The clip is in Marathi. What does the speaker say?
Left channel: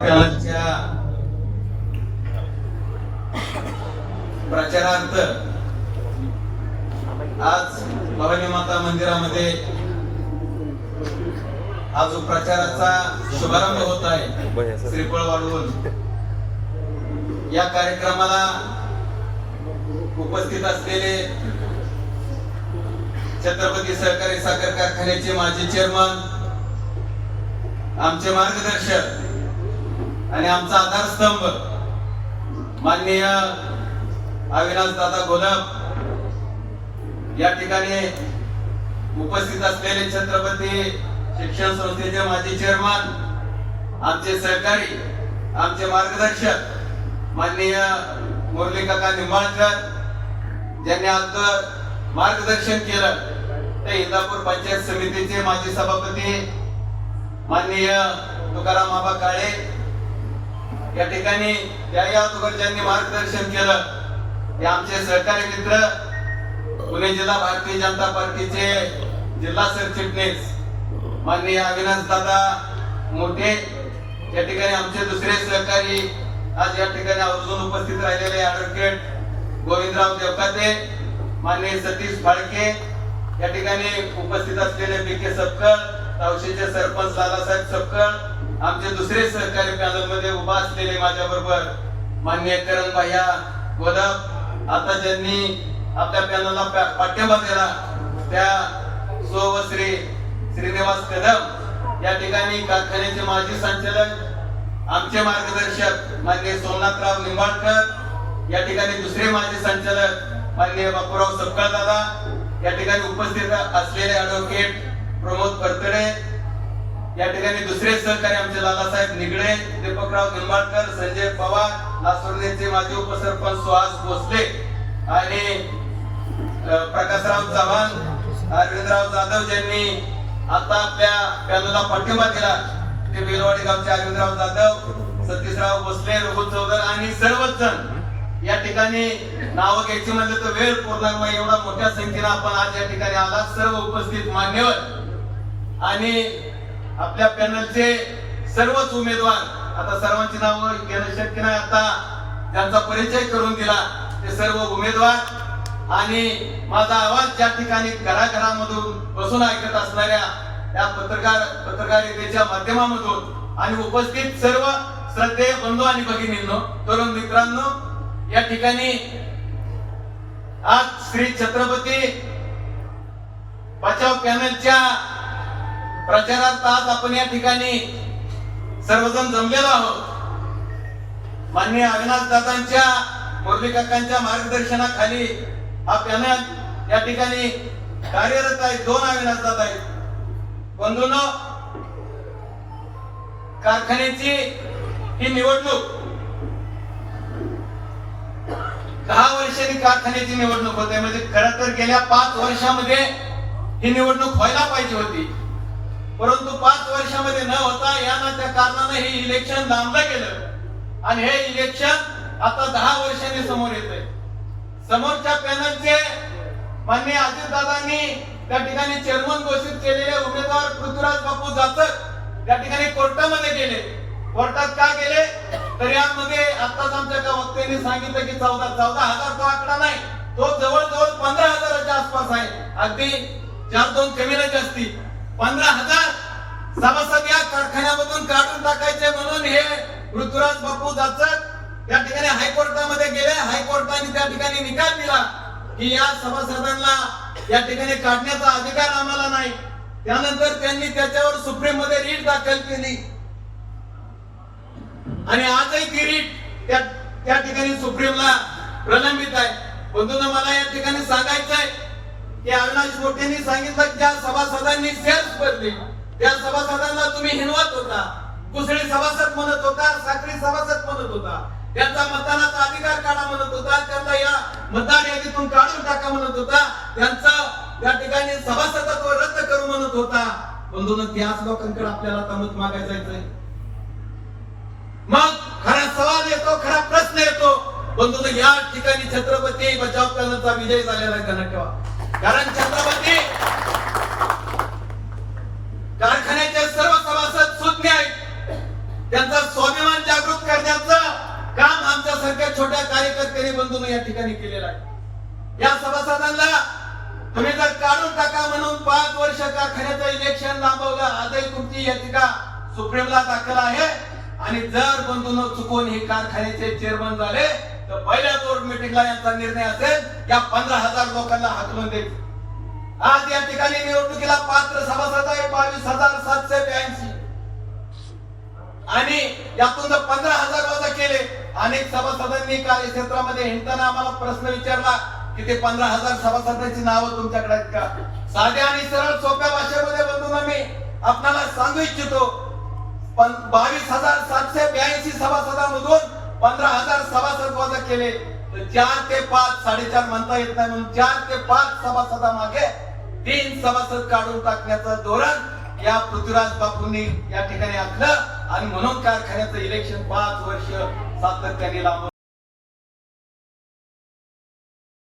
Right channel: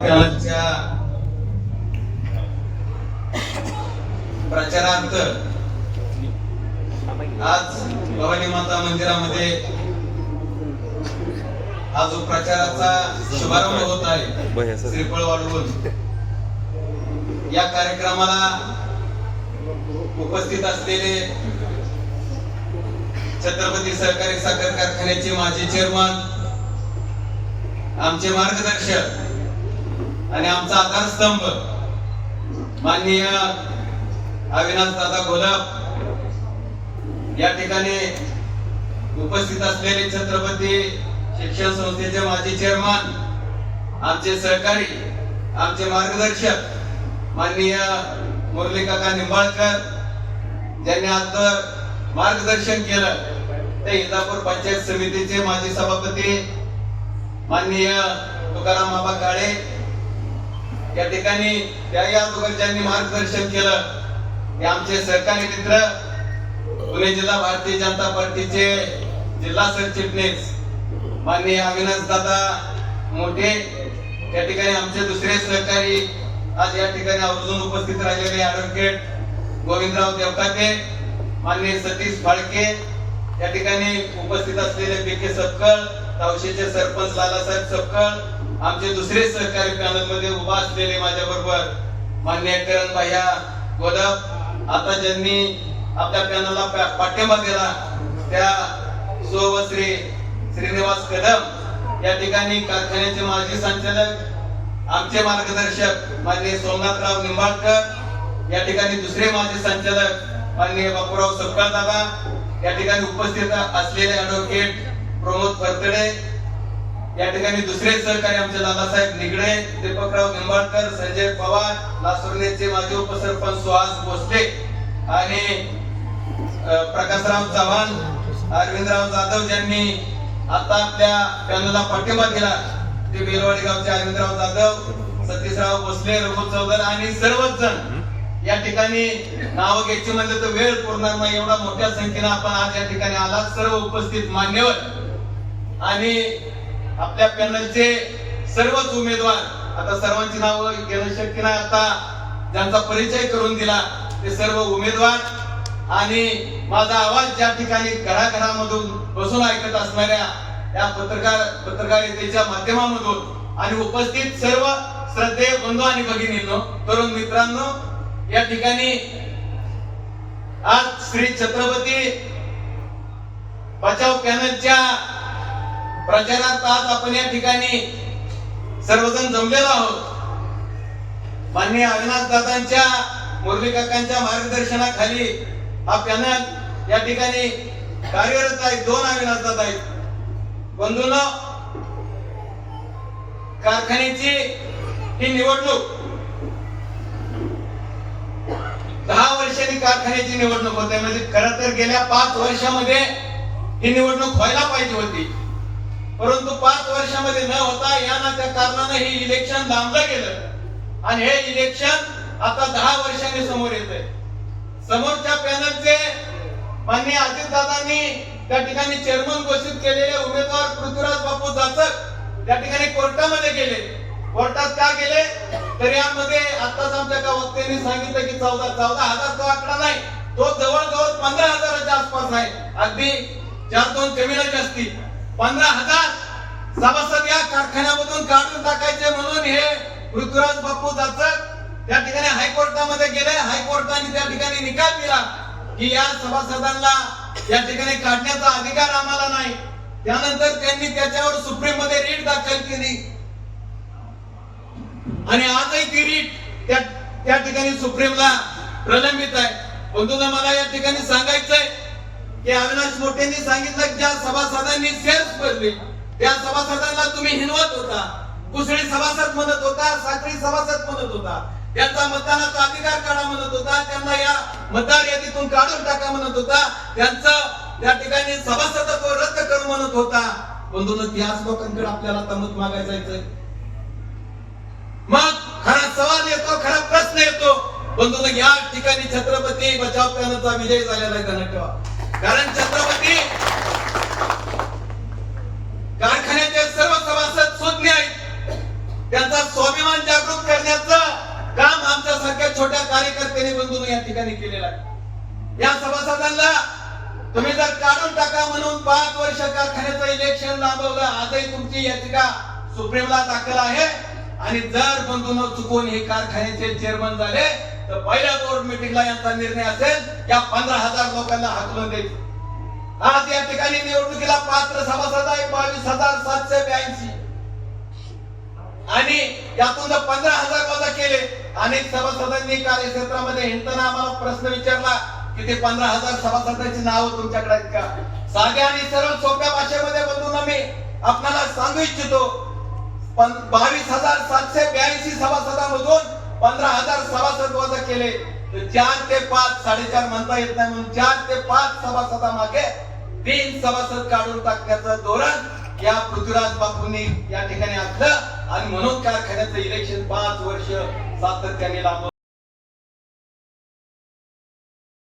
कालच्या प्रचारांत आज भवानी माता मंदिरामध्ये हा जो प्रचाराचा शुभारंभ होत आहे श्रीफळ वाढवून या कार्यक्रमाला उपस्थित असलेले छत्रपती सहकारी साखर कारखान्याचे माजी चेअरमन, आमचे मार्गदर्शक आणि आमचा आधारस्तंभ माननीय अविनाश दादा घोलप, या ठिकाणी उपस्थित असलेले छत्रपती शिक्षण संस्थेचे माजी चेअरमन, आमचे सहकारी, आमचे मार्गदर्शक माननीय मुरली काका निंबाळकर, ज्यांनी आज मार्गदर्शन केलं, ते इंदापूर पंचायत समितीचे माजी सभापती माननीय तुकाराम आबा काळे, या ठिकाणी या ज्यांनी मार्गदर्शन केलं ते आमचे सहकारी मित्र पुणे जिल्हा भारतीय जनता पार्टीचे जिल्हा सरचिटणीस माननीय अविनाश दादा मोठे, या ठिकाणी आमचे दुसरे सहकारी आज या ठिकाणी आवर्जून उपस्थित राहिलेले ऍडव्होकेट गोविंदराव देवकाते, माननीय सतीश फाळके, या ठिकाणी उपस्थित असलेले पीके सपकळ, तावशीचे सरपंच लालासाहेब सपकळ, आमचे दुसरे सहकारी पॅनल मध्ये उभा असलेले माझ्या बरोबर माननीय करण भैया गोदप, आता ज्यांनी आपल्या पॅनलला पाठिंबा दिला त्या सोवश्री श्रीनिवास कदम, या ठिकाणी कारखान्याचे माजी संचालक, आमचे मार्गदर्शक माननीय सोमनाथराव निंबाळकर, या ठिकाणी दुसरे माजी संचालक माननीय बापूराव सपकाळ दादा, या ठिकाणी उपस्थित असलेले ऍडव्होकेट प्रमोद परतडे, या ठिकाणी दुसरे सहकारी आमचे लालासाहेब निगडे, दीपकराव निंबाळकर, संजय पवार, लासुर्णेचे माजी उपसरपंच सुहास भोसले आणि प्रकाशराव चव्हाण, अरविंदराव जाधव, ज्यांनी आता आपल्या पॅनलला पाठिंबा दिला, ते बेलवाडी गावचे अरविंदराव जाधव, सतीशराव भोसले, रघु चौधर आणि सर्वच जण या ठिकाणी नाव घ्यायची म्हणजे तो वेळ पुरणार नाही, एवढा मोठ्या संख्येने आपण आज या ठिकाणी आला. सर्व उपस्थित मान्यवर आणि आपल्या पॅनलचे सर्वच उमेदवार, आता सर्वांची नावं घेणं शक्य नाही, आता ज्यांचा परिचय करून दिला ते सर्व उमेदवार आणि माझा आवाज ज्या ठिकाणी घराघरामधून बसून ऐकत असणाऱ्या त्या पत्रकारितेच्या माध्यमामधून आणि उपस्थित सर्व श्रद्धेय बंधू आणि भगिनींनो, तरुण मित्रांनो, या ठिकाणी आज श्री छत्रपती बचाव पॅनलच्या प्रचारात आज आपण या ठिकाणी सर्वजण जमलेलो आहोत. माननीय अविनाश दादांच्या, मुरली काकांच्या मार्गदर्शनाखाली हा पॅनल या ठिकाणी कार्यरत आहे. दोन अविनाश दादा आहेत. बंधूंनो, कारखान्याची ही निवडणूक 10 वर्षांनी कारखान्याची निवडणूक होते, म्हणजे खरं तर गेल्या 5 वर्षामध्ये ही निवडणूक व्हायला पाहिजे होती, परंतु 5 वर्षामध्ये न होता या ना त्या कारणाने हे इलेक्शन लांबलं गेलं आणि हे इलेक्शन आता 10 वर्षांनी समोर येते. समोरच्या पॅनलचे माननीय अजितदादांनी त्या ठिकाणी चेअरमन घोषित केलेले उमेदवार पृथ्वीराज बापू जाचक त्या ठिकाणी कोर्टामध्ये गेले. कोर्टात का गेले तर यामध्ये आताच आमच्या एका वक्त्यांनी सांगितलं की 14,000 तो आकडा नाही, तो जवळजवळ 15,000च्या आसपास आहे. अगदी 4-2 कमी नाही जास्ती 15,000 सभासद या कारखान्यामधून काढून टाकायचे म्हणून हे पृथ्वीराज बापू जाचक त्या ठिकाणी हायकोर्टामध्ये गेले. हायकोर्टाने त्या ठिकाणी निकाल दिला की या सभासदांना या ठिकाणी काढण्याचा अधिकार आम्हाला नाही. त्यानंतर त्यांनी त्याच्यावर सुप्रीम मध्ये रीट दाखल केली आणि आजही ती रीट त्या ठिकाणी सुप्रीमला प्रलंबित आहे. बंधूंनो, मला या ठिकाणी सांगायचंय की अविनाश मोठेंनी सांगितलं की ज्या सभासदांनी शेअर्स भरले त्या सभासदांना तुम्ही हिनवत होता, कुसळी सभासद म्हणत होता, साखरी सभासद म्हणत होता, त्यांचा मतदानाचा अधिकार काढा म्हणत होता, त्यांना या मतदार यादीतून काढून टाका म्हणत होता, त्यांचं त्या ठिकाणी सभासदत्व रद्द करू म्हणत होता. बंधूंनो, त्याच लोकांकडे आपल्याला मत मागायला जायचंय. मग खरा सवाल येतो, खरा प्रश्न येतो. बंधूंनो, या ठिकाणी छत्रपती बचाव पॅनलचा विजय झालेला आहे, ध्यानात ठेवा. कारण छत्रपती कारखान्याचे सर्व सभासद सुज्ञ आहेत. त्यांचा स्वाभिमान जागृत करण्याचं काम आमच्यासारख्या छोट्या कार्यकर्त्यांनी बंधूंनी या ठिकाणी केलेलं आहे. या सभासदांना तुम्ही जर काढून टाका म्हणून 5 वर्ष कारखान्याचं इलेक्शन लांबवलं, आजही तुमची याचिका सुप्रीमला दाखल आहे. आणि जर बंधूंनो चुकून हे कारखान्याचे चेअरमन झाले तर पहिल्या बोर्ड मीटिंगला यांचा निर्णय असेल या 15,000 लोकांना हाकलून द्यायचे. आज या ठिकाणी निवडणुकीला पात्र सभासद आहे 22,782 आणि यातून 15,000 वजा केले. अनेक सभासदांनी कार्यक्षेत्रामध्ये हिंडताना आम्हाला प्रश्न विचारला की ते 15,000 सभासदांची नावं तुमच्याकडे आहेत का? साध्या आणि सरळ सोप्या भाषेमध्ये बंधूंना मी आपल्याला सांगू इच्छितो, 22,782 सभासदांमधून 15,000 सभासद वजा केले तर 4 ते 5 4.5 म्हणता येत नाही म्हणून 4 ते 5 सभासदामागे 3 सभासद काढून टाकण्याचं धोरण या पृथ्वीराज बापूंनी या ठिकाणी आखलं. आणि म्हणून कारखान्याचं इलेक्शन 5 वर्ष सातत्याने लांबवलं.